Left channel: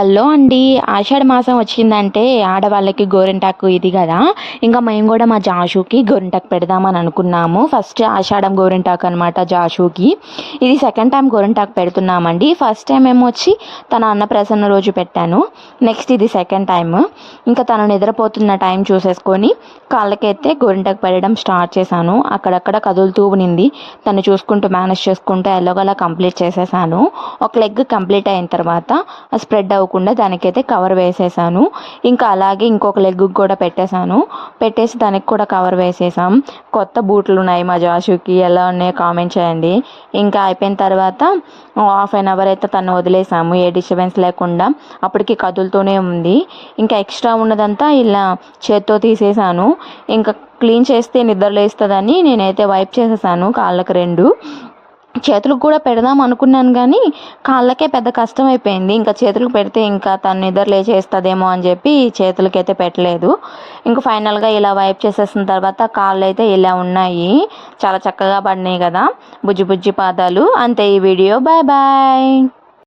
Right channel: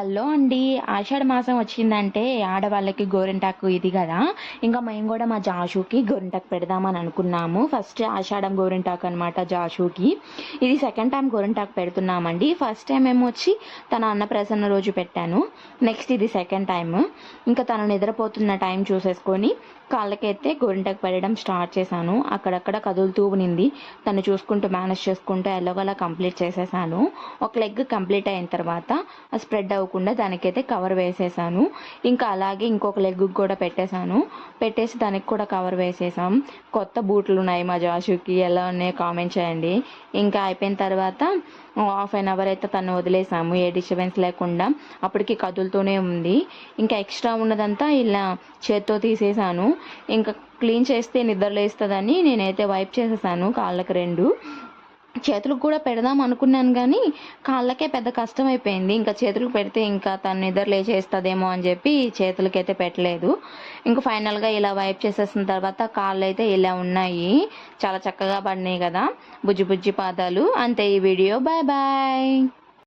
Hello అండి. ఆషాఢ మాసం వచ్చిందంటే ఆడవాళ్ళకి గోరింటాకు ఇది కదా. ఇంకా మేము కూడా మా జాషుకి గోరింటాకు పెడదామని అనుకున్నాము. ఫస్ట్ ఆషాఢం గోరింటాకు అనమాట జాషుకి. ఇది సెకండ్ టైం గోరింటాకు పెడుతున్నామండి. ఫస్ట్ టైం ఏమో వచ్చి తన అన్నప్రాసన రోజు పెట్టాను. నెక్స్ట్ ఇది సెకండ్ టైం. ఇంకా తను నిద్రపోతున్న టైం చూసేసుకొని కాళ్ళకైతే గోరింటాకు పెట్టడం స్టార్ట్ చేశాను. అక్కడక్కడ కదులుతూ ఉనింది. తను చూసుకుంటూ మేనేజ్ చేసుకుంటూ ఎలాగోలా కంప్లీట్ చేసేసాను. ఒక లెగ్ కంప్లీట్ అయిన తర్వాత స్ప్రెడ్ అవ్వకుండా దానికైతే కవర్ వేసేసాను. ఇంకా అలాగే ఇంకొక లెగ్ కూడా పెట్టేసి దానికి కూడా కవర్ వేసేసాం. కొత్త బూట్లు ఉన్నాయి మా జాషుకి, ఎలా ఉన్నాయో కామెంట్ చేయండి. ఇంకా అయిపోయిన తర్వాత హాఫ్ అన్ అవర్ అయితే తను వదిలేసాము, ఏ డిస్టర్బెన్స్ లేకుండా. అప్పటికి కదులుతూనే ఉంది. ఇంకా ఎక్స్ట్రా ఉన్నదంతా ఇలా చేత్తో తీసేసాను. ఇంకా క్లీన్ చేస్తే నిద్రలేస్తుందని నేనైతే వైప్ చేసేసాను కాళ్ళకి రెండు. చేతులకు కూడా పెడదాం అనుకున్నాను కానీ కాళ్ళకే పెద్ద కష్టం అయిపోయింది. ఇంకా చేతులకు పెడితే ఇంకా తను నిద్ర లేచేస్తుందేమో అని చెప్పి చేతులకైతే పెట్టలేదు. ఇంకా ఫైనల్గా ఇలా వైప్ చేసేసిన తర్వాత కాళ్ళు అయితే ఇలా ఉన్నాయి. చాలా చక్కగా పడినాయి కదా, బుజ్జి బుజ్జి పాదాలు. అంతే ఈ వీడియో. Bye bye.